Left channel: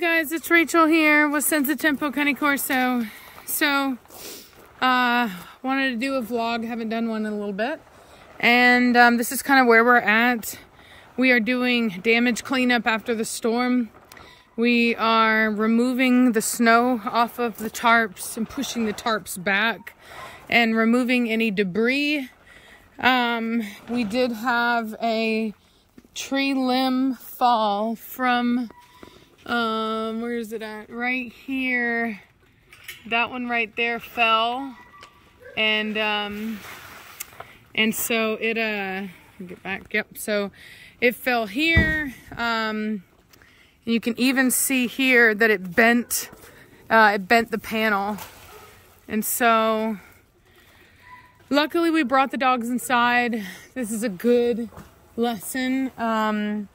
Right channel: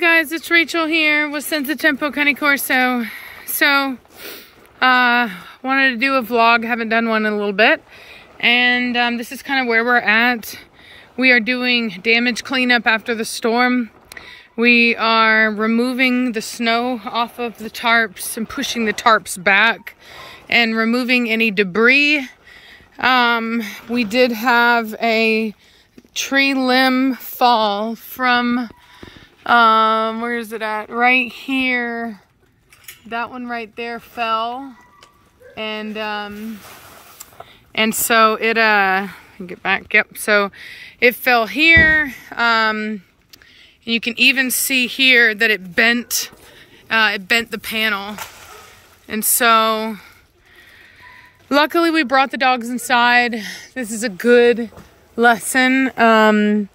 guys, it's Rachel here with Senza Cane Corso. So, wanted to do a vlog, haven't done one in a little bit. And this is kind of where we're at. We are doing damage cleanup after the storm. We are removing the snow off of the tarps and pushing the tarps back and removing any debris. We did have a tree limb fall from, where is it at? Right here. That one right there fell. And so it, get back, yep. So it fell here. You can even see here that it bent the panel. And so luckily we brought the dogs inside. This is a good lesson for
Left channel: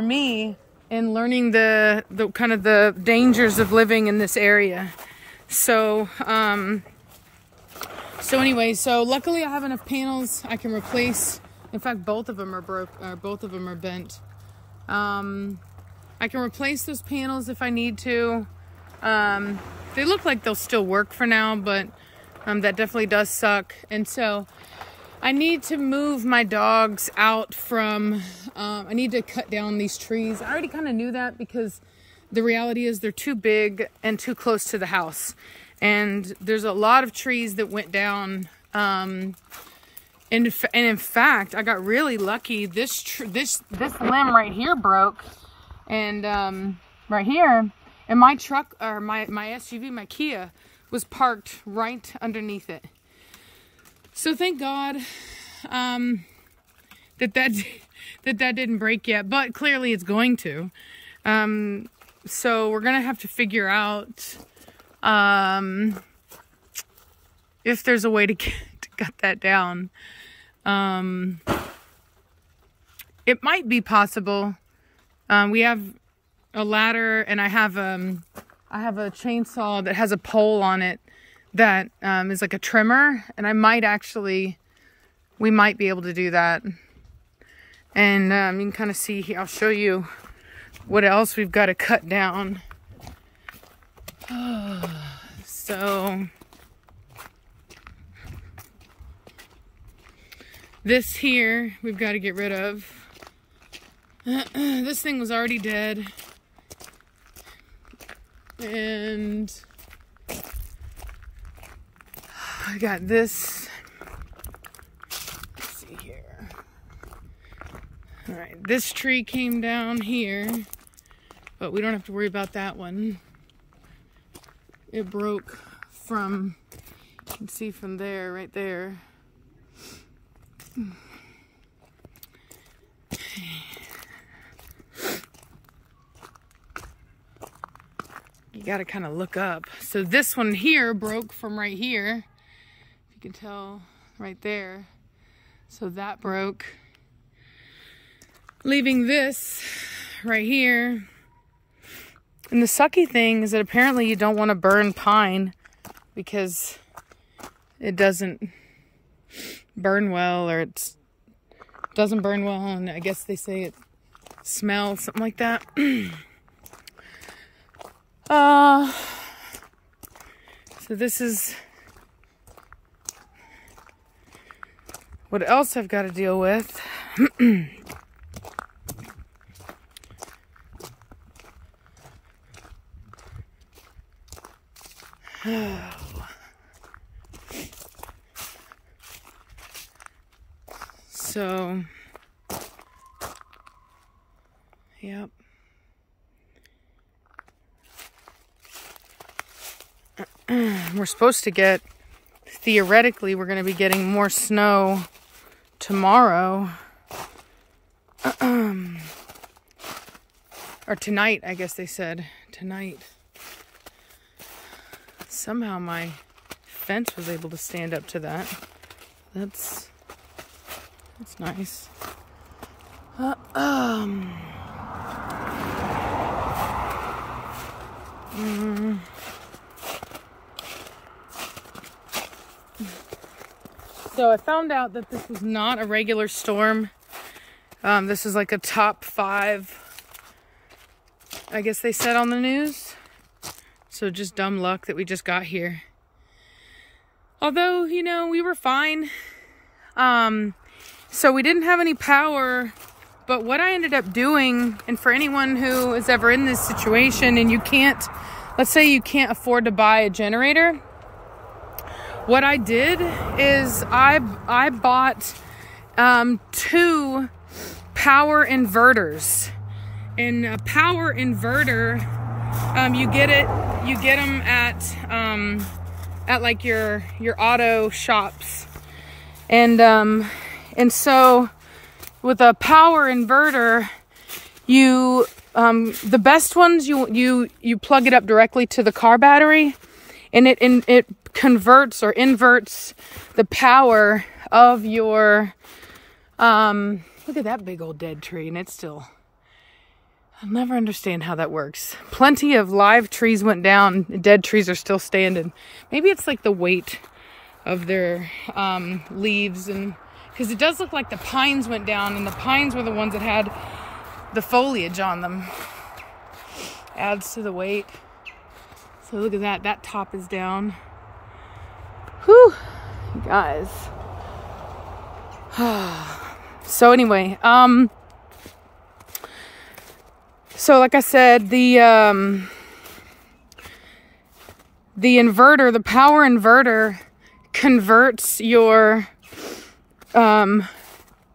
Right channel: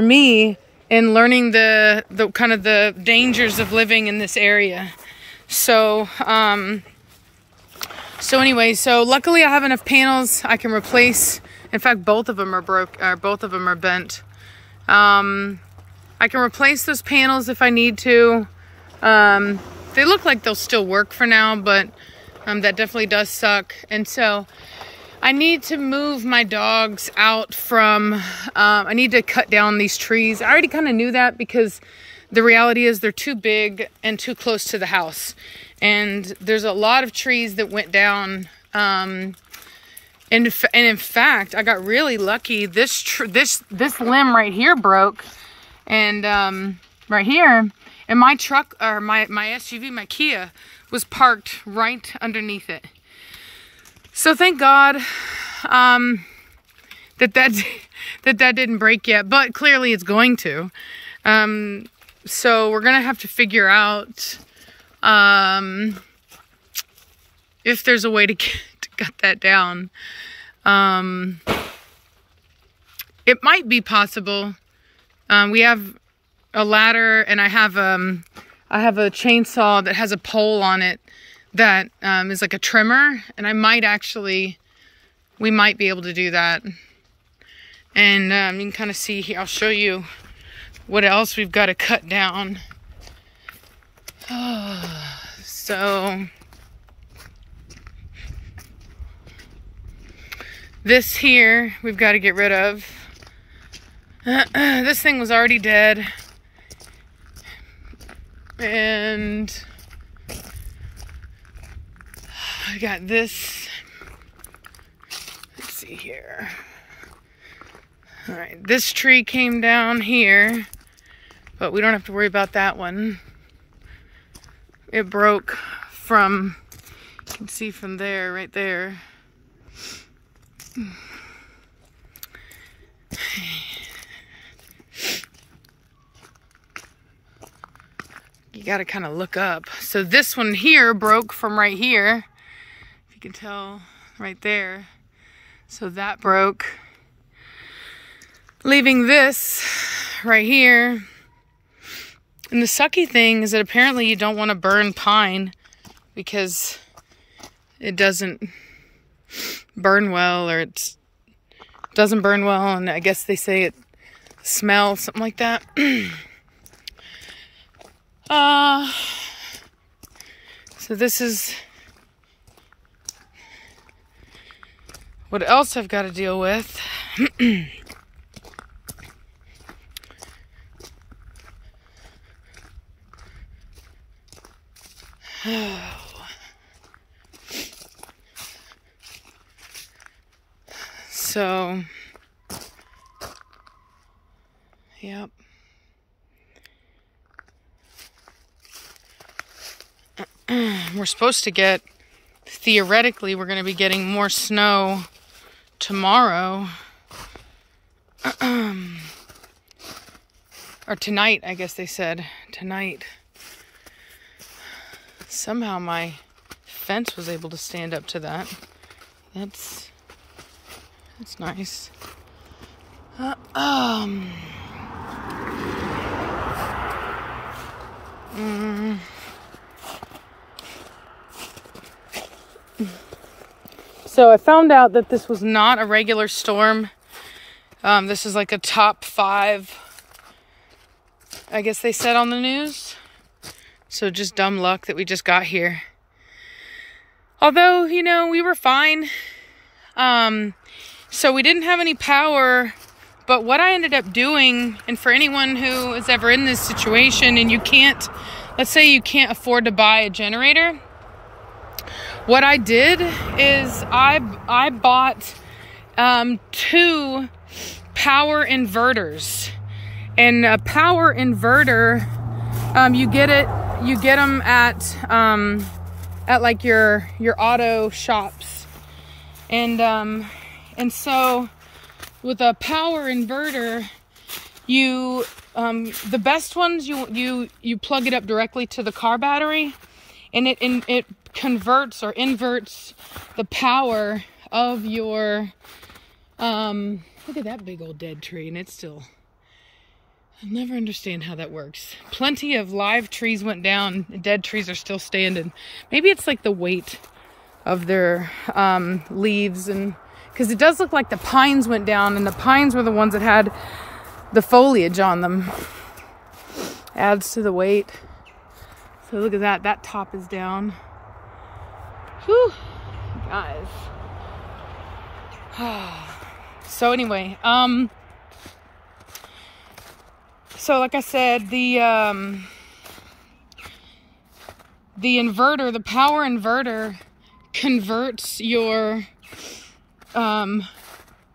me in learning the kind of the dangers of living in this area. So anyway, so luckily I have enough panels I can replace. In fact, both of them are both of them are bent. I can replace those panels if I need to. They look like they'll still work for now, but that definitely does suck. And so I need to move my dogs out from, I need to cut down these trees. I already kind of knew that because the reality is they're too big and too close to the house. And there's a lot of trees that went down. And in fact, I got really lucky. This limb right here broke. And right here, and my truck, or my SUV, my Kia, was parked right underneath it. So thank God that didn't break yet, but clearly it's going to. So we're gonna have to figure out if there's a way to cut that down. It might be possible. We have a ladder, and I have a chainsaw that has a pole on it that is like a trimmer, and we might be able to do that. And you can kind of see here, I'll show you what else we've got to cut down. So this here we've got to get rid of. This thing was already dead. And I got this. Let's see here. All right, this tree came down here, but we don't have to worry about that one. It broke from, you can see from there, right there. You gotta kind of look up. So this one here broke from right here. If you can tell, right there. So that broke. Leaving this right here. And the sucky thing is that apparently you don't want to burn pine because it doesn't burn well, or it doesn't burn well, and I guess they say it smells, something like that. So this is what else I've got to deal with. So, yep. We're supposed to get, theoretically, we're going to be getting more snow tomorrow. Or tonight, I guess they said. Tonight. Somehow my fence was able to stand up to that. That's nice. So I found out that this was not a regular storm. This is like a top 5 I guess they said on the news. So just dumb luck that we just got here. Although, you know, we were fine. So we didn't have any power. But what I ended up doing, and for anyone who is ever in this situation and you can't, let's say you can't afford to buy a generator. What I did is I bought 2 power inverters. And a power inverter, you get them at like your auto shops. And so with a power inverter, the best ones, you plug it up directly to the car battery, and it converts or inverts the power of your, look at that big old dead tree, and it's still, I'll never understand how that works. Plenty of live trees went down, dead trees are still standing. Maybe it's like the weight of their leaves, and because it does look like the pines went down, and the pines were the ones that had the foliage on them. Adds to the weight. So look at that, that top is down. Whew, guys. So anyway, so like I said, the inverter, the power inverter converts your, the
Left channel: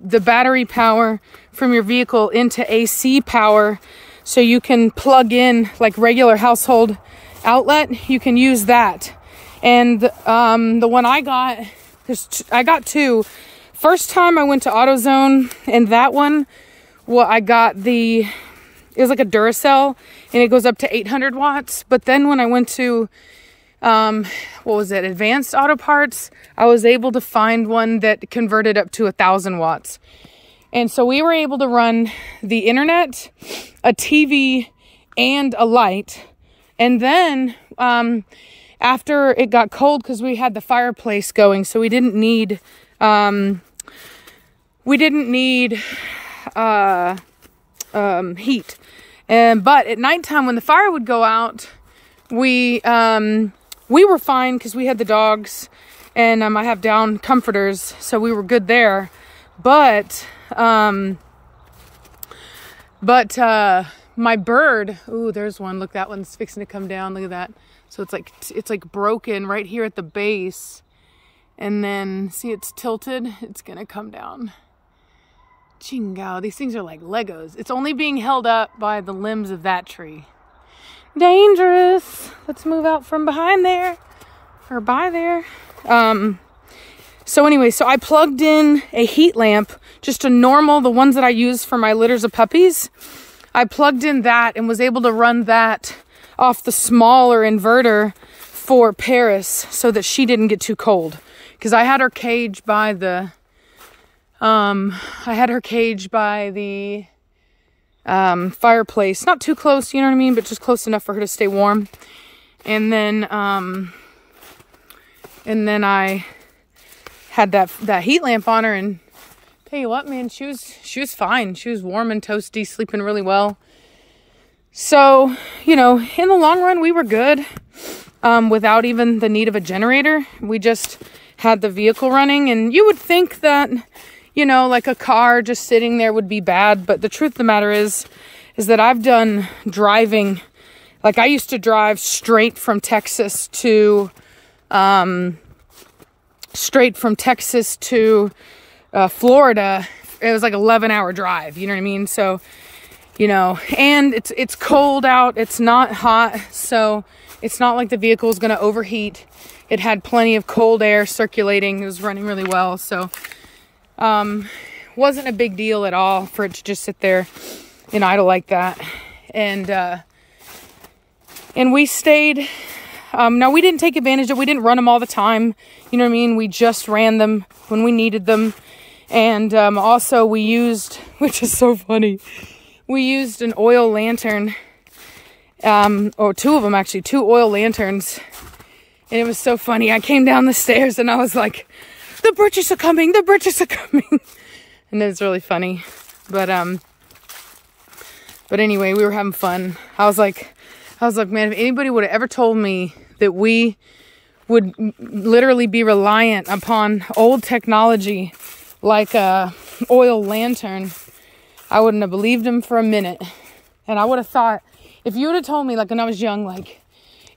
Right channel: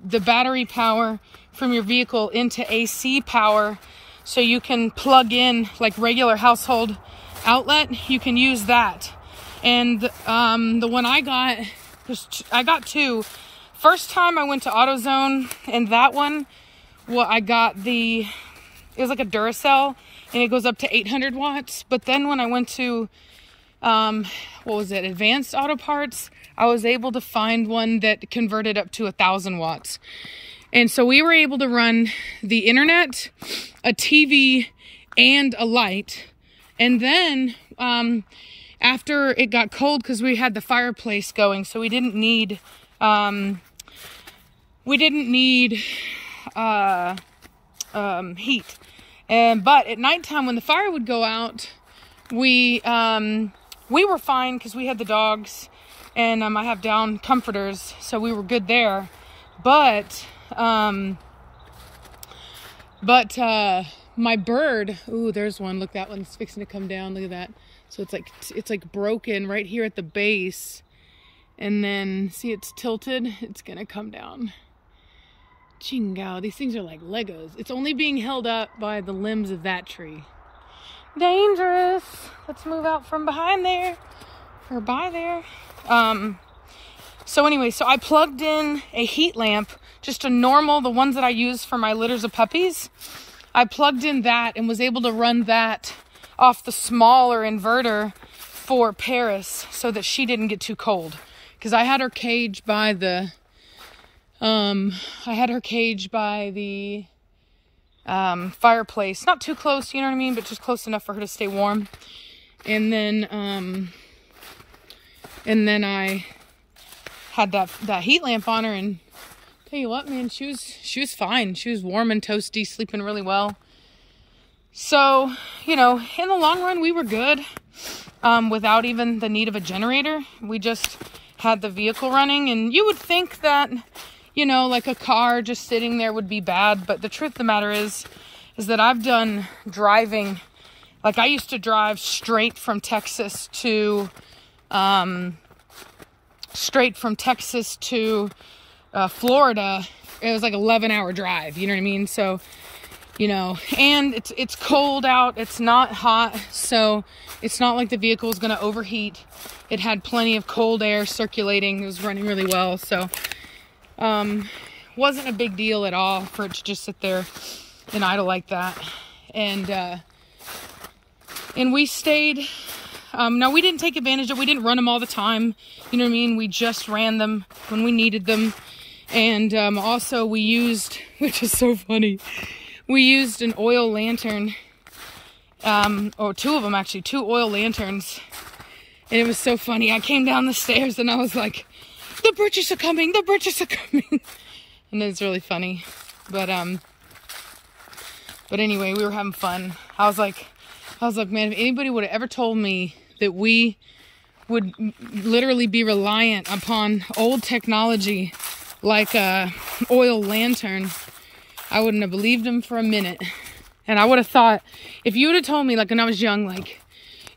battery power from your vehicle into AC power. So you can plug in like regular household outlet, you can use that. And the one I got, I got 2. First time I went to AutoZone, and that one, well, I got it was like a Duracell, and it goes up to 800 watts. But then when I went to, what was it, Advanced Auto Parts, I was able to find one that converted up to 1,000 watts. And so we were able to run the internet, a TV, and a light. And then after it got cold, because we had the fireplace going, so we didn't need heat. But at nighttime when the fire would go out, we were fine because we had the dogs, and I have down comforters, so we were good there. But my bird, ooh, there's one. Look, that one's fixing to come down. Look at that. So it's like broken right here at the base. And then see, it's tilted. It's gonna come down. Chingao, these things are like Legos. It's only being held up by the limbs of that tree. Dangerous. Let's move out from behind there, or by there. So anyway, so I plugged in a heat lamp, just a normal, the ones that I use for my litters of puppies. I plugged in that and was able to run that off the smaller inverter for Paris so that she didn't get too cold. Because I had her cage by the, fireplace. Not too close, you know what I mean? But just close enough for her to stay warm. And then I had that heat lamp on her, and tell you what, man, she was fine. She was warm and toasty, sleeping really well. So, you know, in the long run, we were good without even the need of a generator. We just had the vehicle running, and you would think that, you know, like a car just sitting there would be bad. But the truth of the matter is that I've done driving. Like, I used to drive straight from Texas to, Florida. It was like 11-hour drive, you know what I mean? So, you know, and it's cold out, it's not hot, so it's not like the vehicle is going to overheat. It had plenty of cold air circulating. It was running really well, so wasn't a big deal at all for it to just sit there and idle like that. And we stayed. Now, we didn't take advantage of, we didn't run them all the time, you know what I mean? We just ran them when we needed them. And also we used, which is so funny, we used an oil lantern, or 2 of them actually, 2 oil lanterns. And it was so funny. I came down the stairs and I was like, the British are coming, the British are coming. And it was really funny. But But anyway, we were having fun. I was like, man, if anybody would have ever told me that we would literally be reliant upon old technology like a oil lantern, I wouldn't have believed him for a minute. And I would have thought, if you would have told me, like when I was young, like,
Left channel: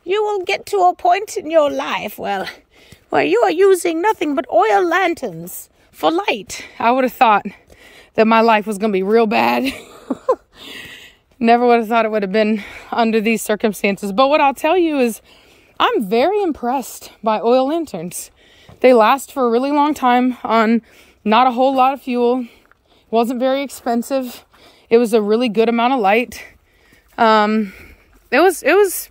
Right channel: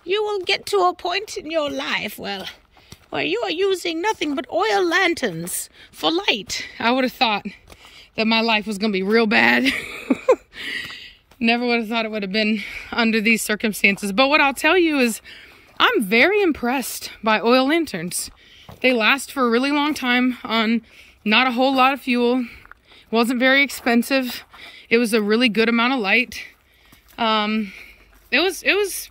you will get to a point in your life, well, where you are using nothing but oil lanterns for light, I would have thought that my life was going to be real bad. Never would have thought it would have been under these circumstances. But what I'll tell you is I'm very impressed by oil lanterns. They last for a really long time on not a whole lot of fuel. Wasn't very expensive. It was a really good amount of light. It was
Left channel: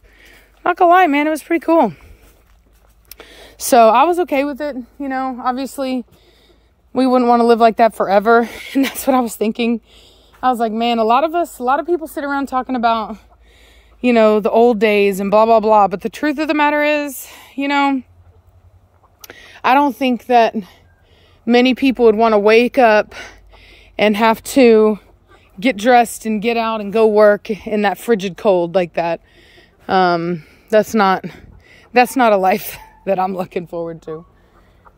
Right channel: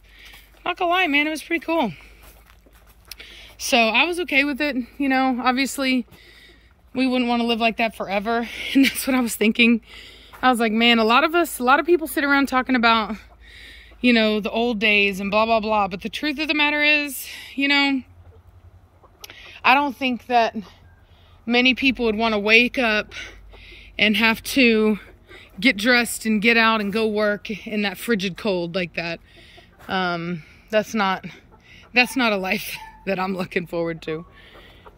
not gonna lie, man, it was pretty cool. So I was okay with it. You know, obviously we wouldn't want to live like that forever. And that's what I was thinking. I was like, man, a lot of people sit around talking about, you know, the old days and blah, blah, blah. But the truth of the matter is, you know, I don't think that many people would want to wake up and have to get dressed and get out and go work in that frigid cold like that. That's not a life that I'm looking forward to.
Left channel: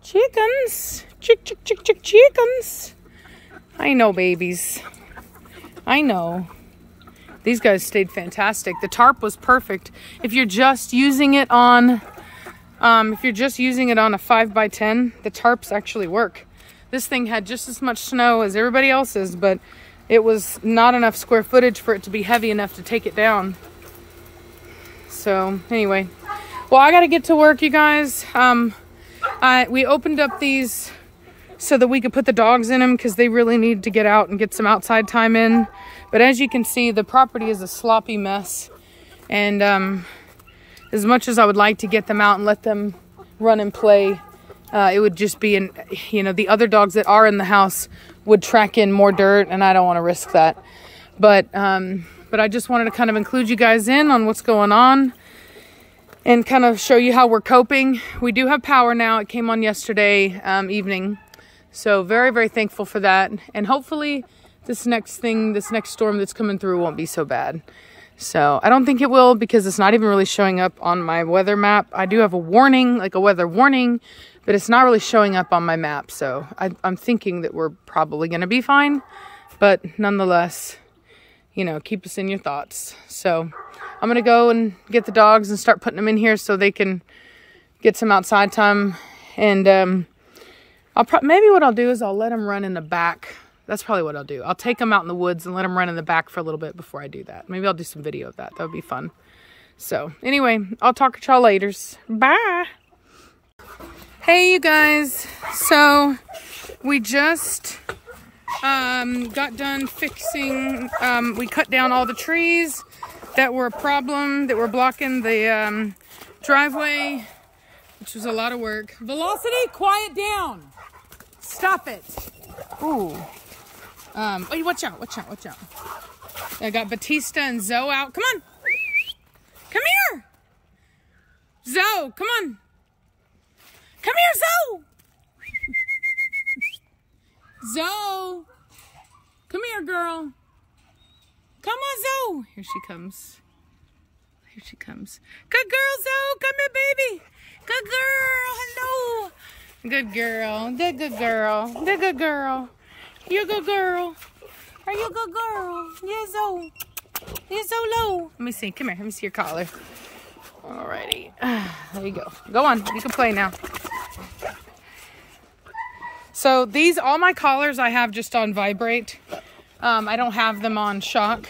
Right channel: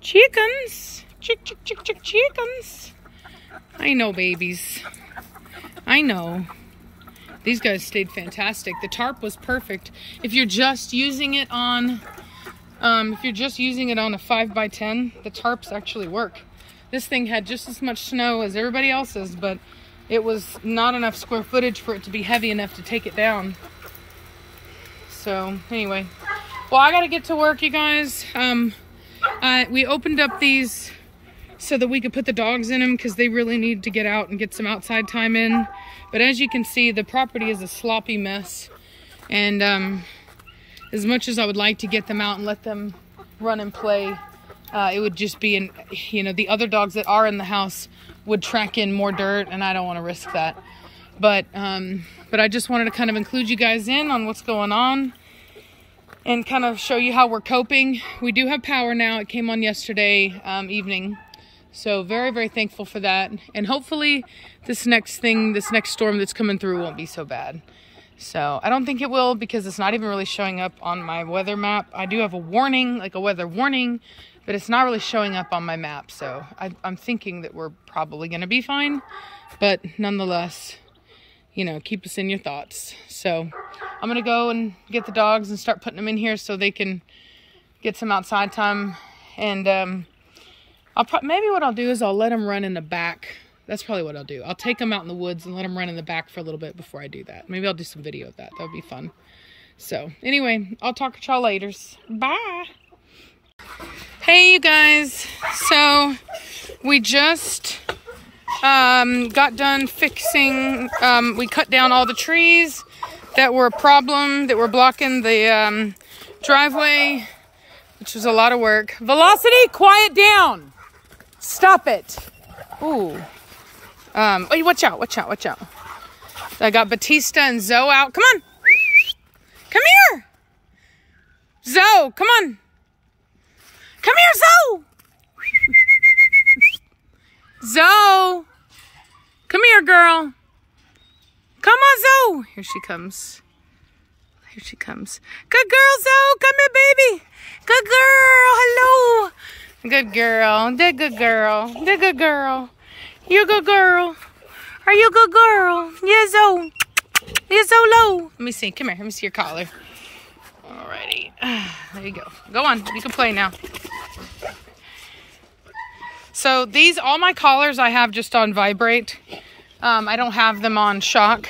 Chickens, chickens. I know, babies. I know. These guys stayed fantastic. The tarp was perfect. If you're just using it on, a 5x10, the tarps actually work. This thing had just as much snow as everybody else's, but it was not enough square footage for it to be heavy enough to take it down. So anyway, well, I gotta get to work, you guys. We opened up these so that we could put the dogs in them because they really need to get out and get some outside time in. But as you can see, the property is a sloppy mess. And as much as I would like to get them out and let them run and play, it would just be, you know, the other dogs that are in the house would track in more dirt, and I don't want to risk that. But I just wanted to kind of include you guys in on what's going on and kind of show you how we're coping. We do have power now. It came on yesterday evening. So very, very thankful for that. And hopefully this next storm that's coming through won't be so bad. So I don't think it will because it's not even really showing up on my weather map. I do have a warning, like a weather warning, but it's not really showing up on my map. So I'm thinking that we're probably going to be fine. But nonetheless, you know, keep us in your thoughts. So I'm going to go and get the dogs and start putting them in here so they can get some outside time. And maybe what I'll do is I'll let them run in the back. That's probably what I'll do. I'll take them out in the woods and let them run in the back for a little bit before I do that. Maybe I'll do some video of that. That would be fun. So anyway, I'll talk to y'all later. Bye. Hey, you guys. So we just got done fixing. We cut down all the trees that were a problem, that were blocking the driveway, which was a lot of work. Velocity, quiet down. Stop it. Ooh. Wait, watch out, watch out, watch out. I got Batista and Zoe out. Come on. Come here. Zoe, come on. Come here, Zoe. Zoe. Come here, girl. Come on, Zoe. Here she comes. Here she comes. Good girl, Zoe. Come here, baby. Good girl. Hello. Good girl. They're good girl. They're good girl. You're a good girl. Are you a good girl? Yeah, Zoe. You're so low. Let me see. Come here. Let me see your collar. Alrighty. There you go. Go on. You can play now. So all my collars I have just on vibrate. I don't have them on shock.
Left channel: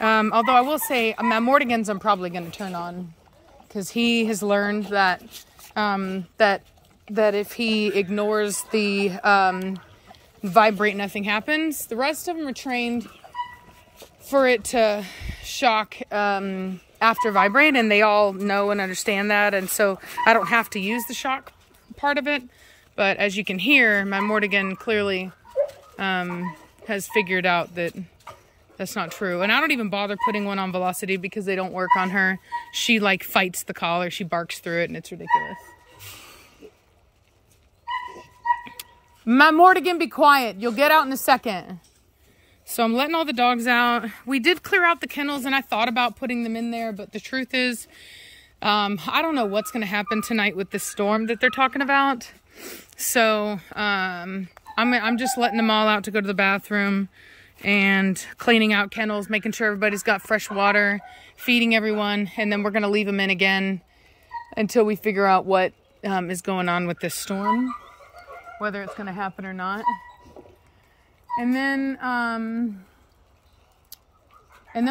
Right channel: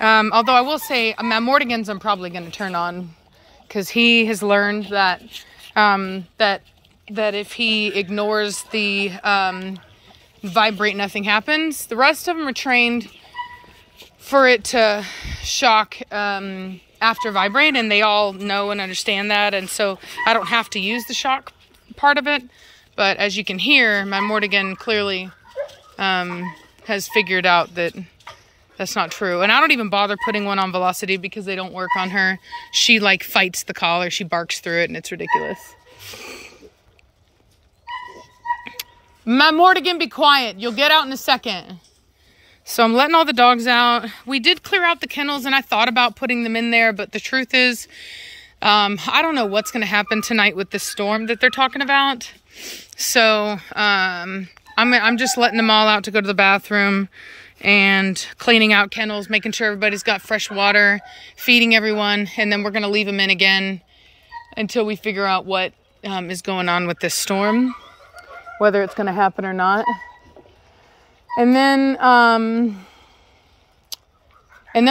Although I will say my Mortigan's I'm probably going to turn on because he has learned that that if he ignores the vibrate, nothing happens. The rest of them are trained for it to shock after vibrate, and they all know and understand that, and so I don't have to use the shock part of it. But as you can hear, my Mortigan clearly has figured out that that's not true. And I don't even bother putting one on Velocity because they don't work on her. She like fights the collar. She barks through it and it's ridiculous. My Mortigan, be quiet. You'll get out in a second. So I'm letting all the dogs out. We did clear out the kennels and I thought about putting them in there, but the truth is, I don't know what's going to happen tonight with this storm that they're talking about. So I'm just letting them all out to go to the bathroom and cleaning out kennels, making sure everybody's got fresh water, feeding everyone, and then we're going to leave them in again until we figure out what is going on with this storm, whether it's going to happen or not. And then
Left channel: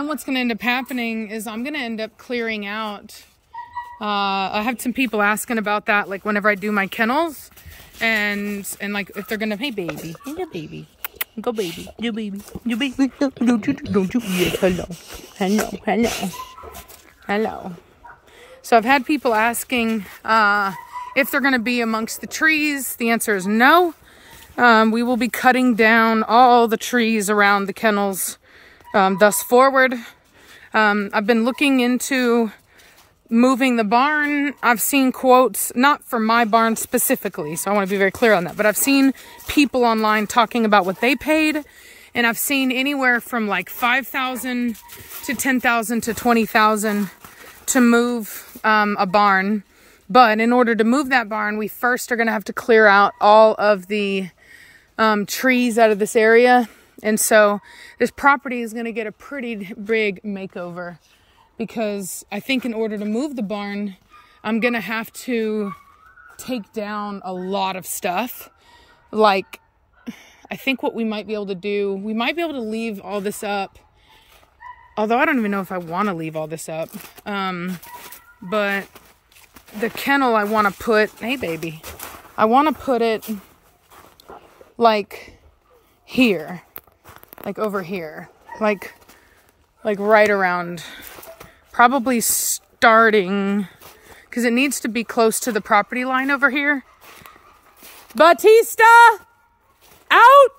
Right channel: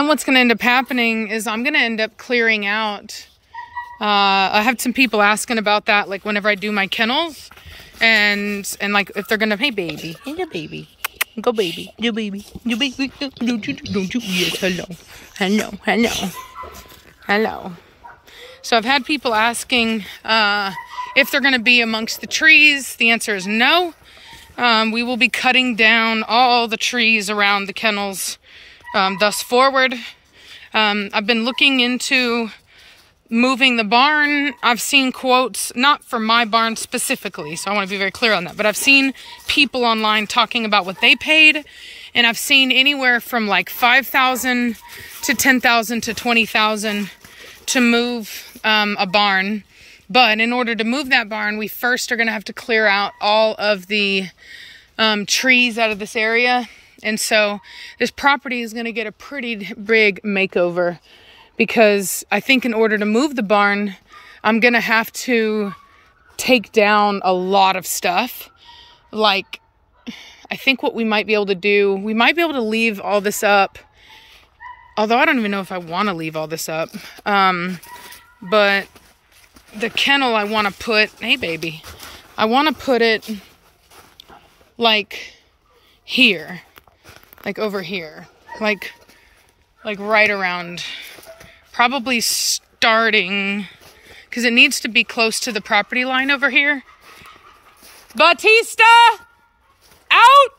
what's going to end up happening is I'm going to end up clearing out. I have some people asking about that, like whenever I do my kennels, and like if they're going to, hey baby, go baby, you baby, don't you, yes, hello. So I've had people asking if they're going to be amongst the trees. The answer is no. We will be cutting down all the trees around the kennels thus forward. I've been looking into moving the barn. I've seen quotes, not for my barn specifically, so I want to be very clear on that, but I've seen people online talking about what they paid, and I've seen anywhere from like $5,000 to $10,000 to $20,000 to move a barn. But in order to move that barn, we first are going to have to clear out all of the trees out of this area. And so this property is going to get a pretty big makeover, because I think in order to move the barn, I'm going to have to take down a lot of stuff. Like, I think what we might be able to do, we might be able to leave all this up. Although I don't even know if I want to leave all this up. But the kennel I want to put, hey baby, I want to put it like here, like over here, like right around, probably starting, because it needs to be close to the property line over here. Batista, out!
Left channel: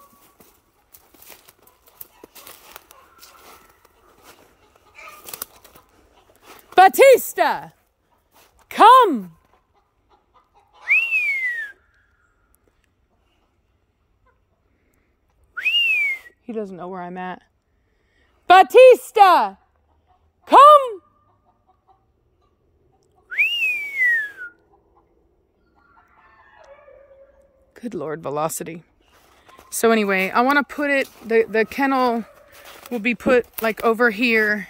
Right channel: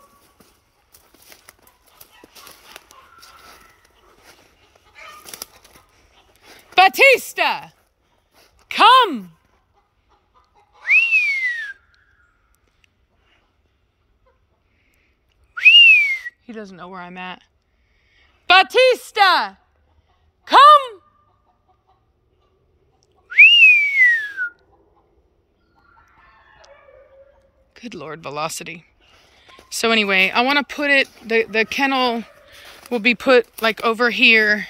Batista, come! He doesn't know where I'm at. Batista, come! Good Lord, Velocity. So anyway, I want to put it, the kennel will be put like over here.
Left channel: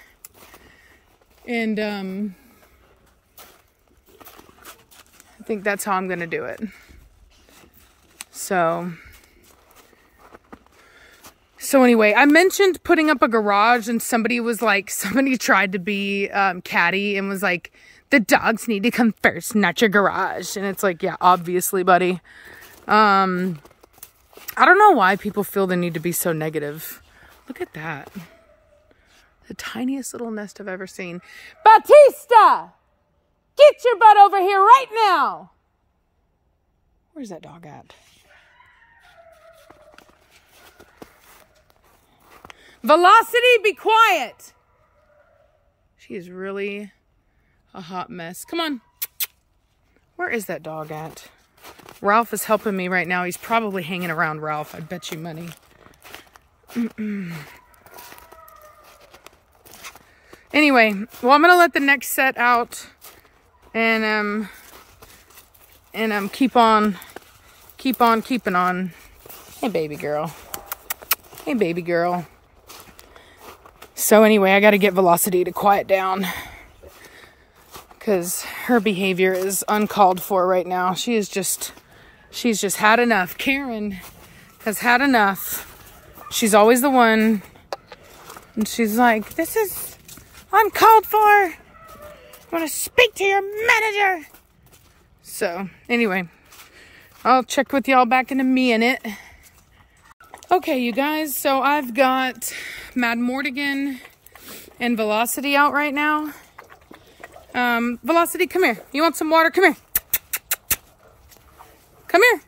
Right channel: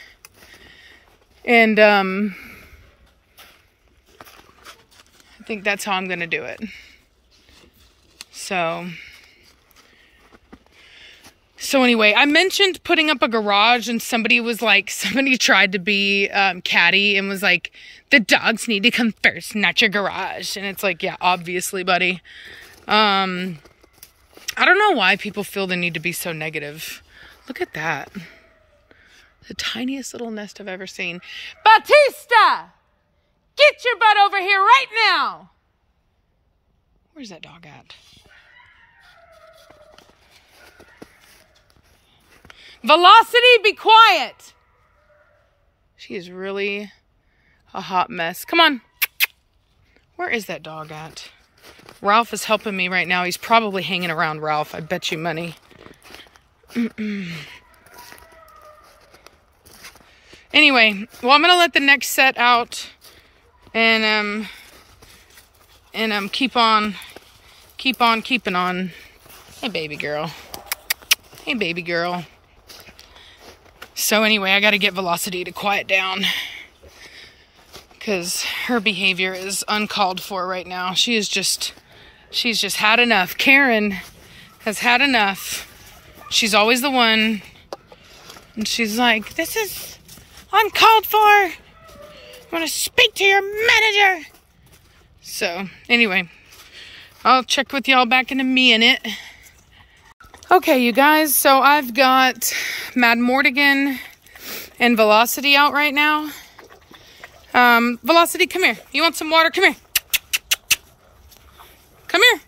And I think that's how I'm going to do it. So anyway, I mentioned putting up a garage, and somebody tried to be catty and was like, the dogs need to come first, not your garage. And it's like, yeah, obviously, buddy. I don't know why people feel the need to be so negative. Look at that. The tiniest little nest I've ever seen. Batista! Get your butt over here right now! Where's that dog at? Velocity, be quiet! She is really a hot mess. Come on. Where is that dog at? Ralph is helping me right now. He's probably hanging around Ralph. I bet you money. Anyway, well, I'm gonna let the next set out, and keep on keeping on. Hey, baby girl. Hey, baby girl. So anyway, I got to get Velocity to quiet down, because her behavior is uncalled for right now. She's just had enough. Karen has had enough. She's always the one, and she's like, this is uncalled for. I want to speak to your manager. So anyway, I'll check with y'all back in a minute. Okay, you guys, so I've got Mad Mortigan and Velocity out right now. Velocity, come here. You want some water? Come here. Come here.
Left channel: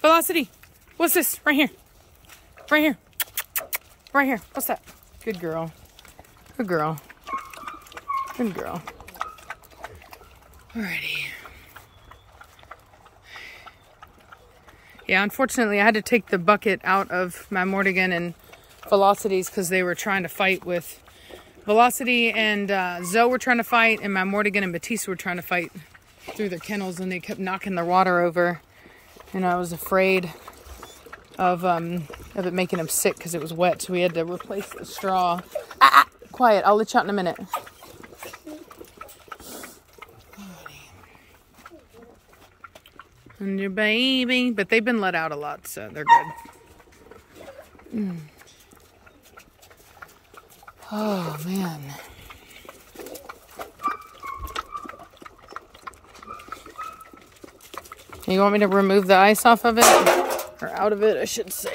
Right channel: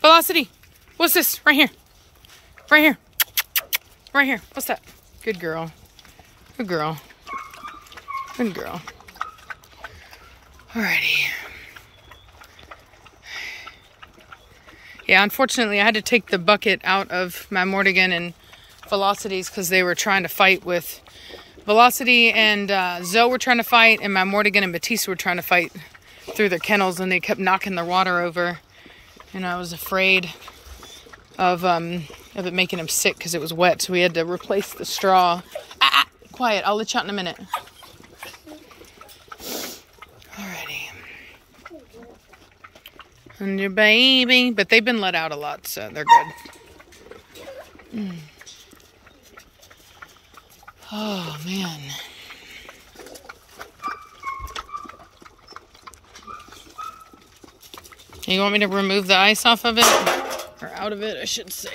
Velocity. What's this? Right here. Right here. Right here. What's that? Good girl. Good girl. Good girl. Alrighty. Yeah, unfortunately, I had to take the bucket out of my Mortigan and Velocities because they were trying to fight with Velocity, and Zoe were trying to fight, and my Mortigan and Batista were trying to fight through their kennels, and they kept knocking the water over. And I was afraid of it making them sick because it was wet, so we had to replace the straw. Quiet, I'll let you out in a minute. Alrighty. And your baby, but they've been let out a lot, so they're good. Oh, man. You want me to remove the ice off of it? Or out of it, I should say.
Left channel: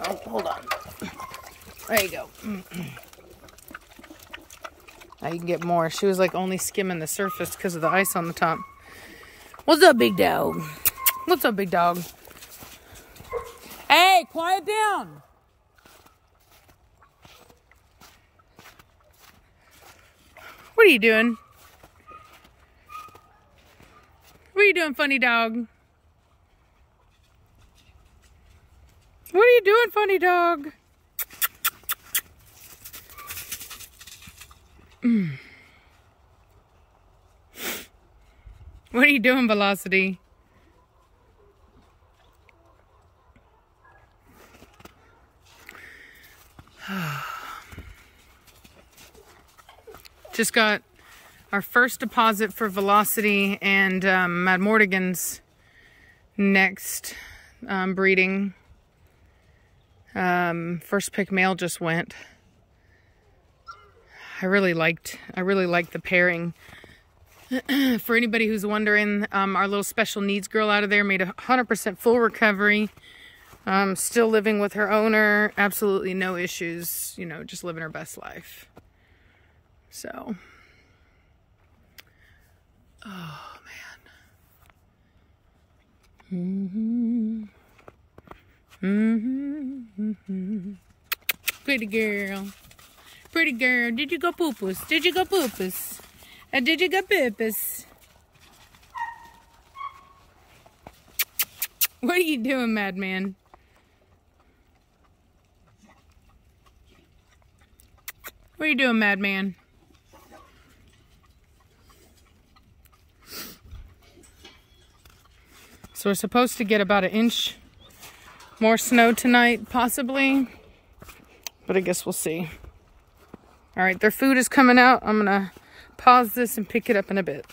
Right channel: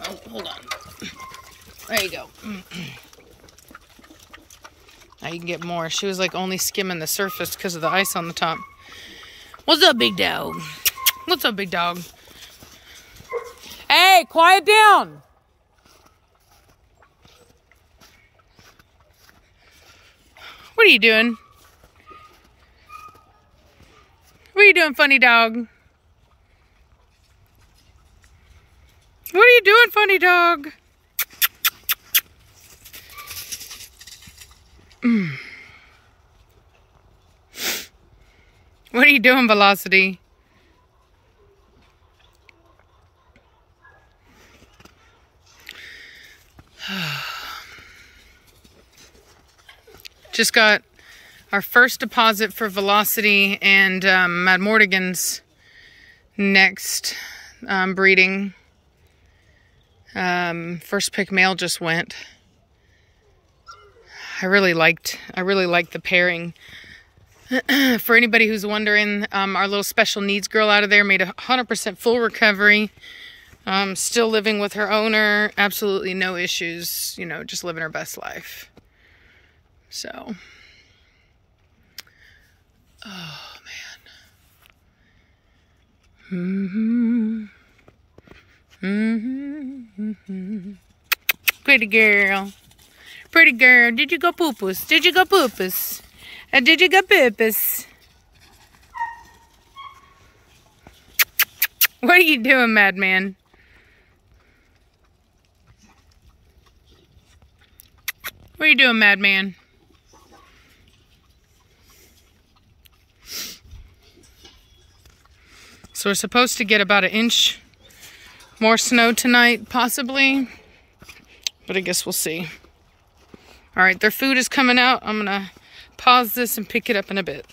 Oh, hold on. There you go. Now you can get more. She was like only skimming the surface because of the ice on the top. What's up, big dog? What's up, big dog? Hey, quiet down. What are you doing? What are you doing, funny dog? What are you doing, funny dog? What are you doing, Velocity? Just got our first deposit for Velocity and Mad Mortigan's next breeding. First pick male just went. I really liked the pairing. For anybody who's wondering, our little special needs girl out of there made 100% full recovery. Still living with her owner, absolutely no issues, you know, just living her best life. So, oh man. Pretty girl. Pretty girl. Did you go poopus? Did you go poopus? Did you go poopus? What are you doing, madman? What are you doing, madman? So we're supposed to get about 1 inch more snow tonight, possibly. But I guess we'll see. All right, their food is coming out. I'm gonna pause this and pick it up in a bit.